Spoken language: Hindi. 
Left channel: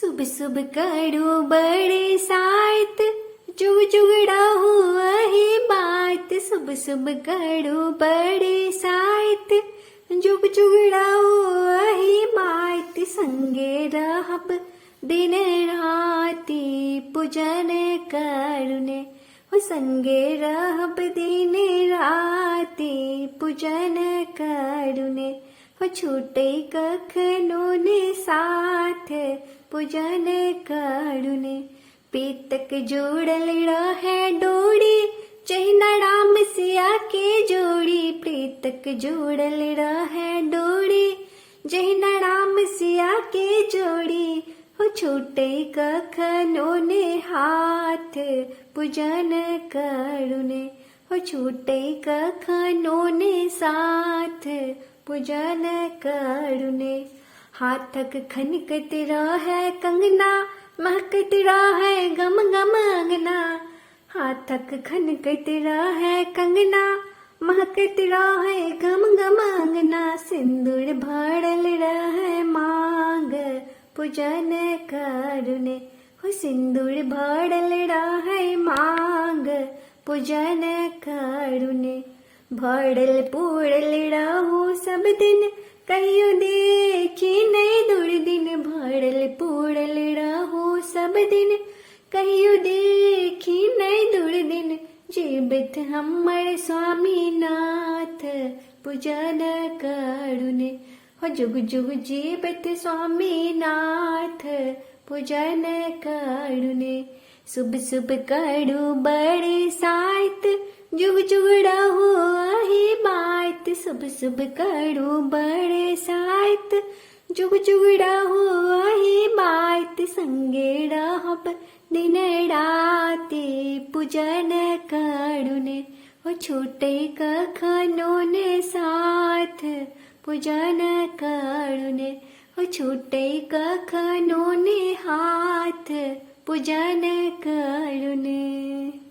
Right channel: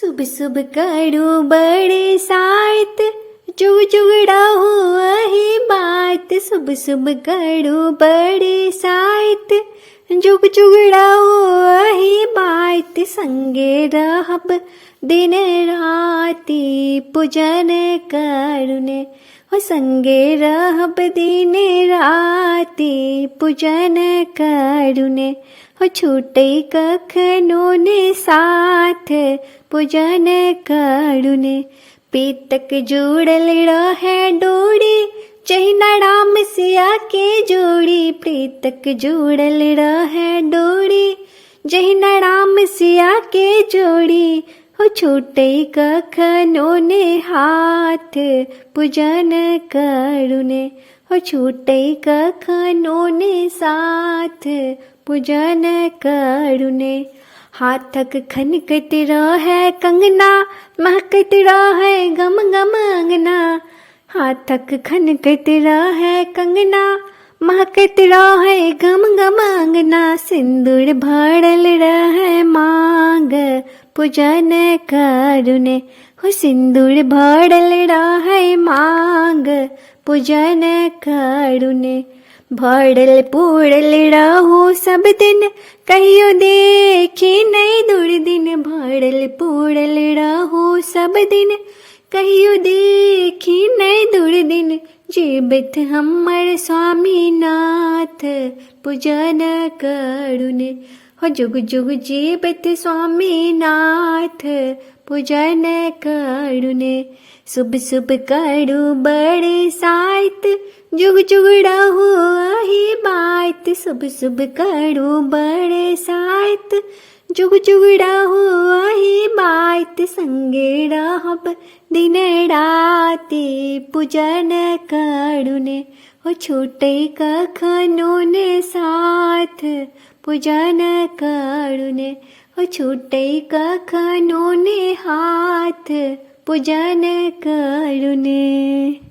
सुब सुब करो बड़े साथ जुग जुगड़ा हुआ है बात। सुब सुब करो बड़े साथ जुग जुगड़ा हुआ है बात। संगे रहब दिन राति पूजन करुने हो संगे रहब दिन राति पूजन करुने हो छूटे कखनो ने साथ पूजन करुने। पीतक जुड़ल रहे डोरी जहिना राम सिया के जोड़ी। प्रीतक जुड़ल रहे डोरी जहिना राम सिया के जोड़ी हो छूटे कखनो ने हाथ पूजन करुने हो छूटे कखनो ने साथ पूजन करुने। हाथक खनकत रहे कंगना महकत रहे गम गम अंगना। हाथक खनकत रहे कंगना महकत रहे गम गम अंगना। सिंदूर भरल रहे मांग पूजन करुने हो सिंदूर भरल रहे मांग पूजन करुने। भरल पूरल रहो सब दिन कहियो देखी नहीं दुर्दिन। भरल पूरल रहो सब दिन कहियो देखी नहीं दुर्दिन। जीवित हमर स्वामी नाथ पूजन करुने हो जुग जुग जीवित स्वामी नाथ पूजन करुने। शुभ शुभ करू बड़े साथ जुग जुगड़ा हुआ ही बात। शुभ शुभ करू बड़े साथ जुग जुगड़ा हुआ ही बात। संगे रहब दिन राति पूजन करुने हो छूटे कखनो ने साथ पूजन करुने हो छूटे कखनो ने हाथ पूजन करुने।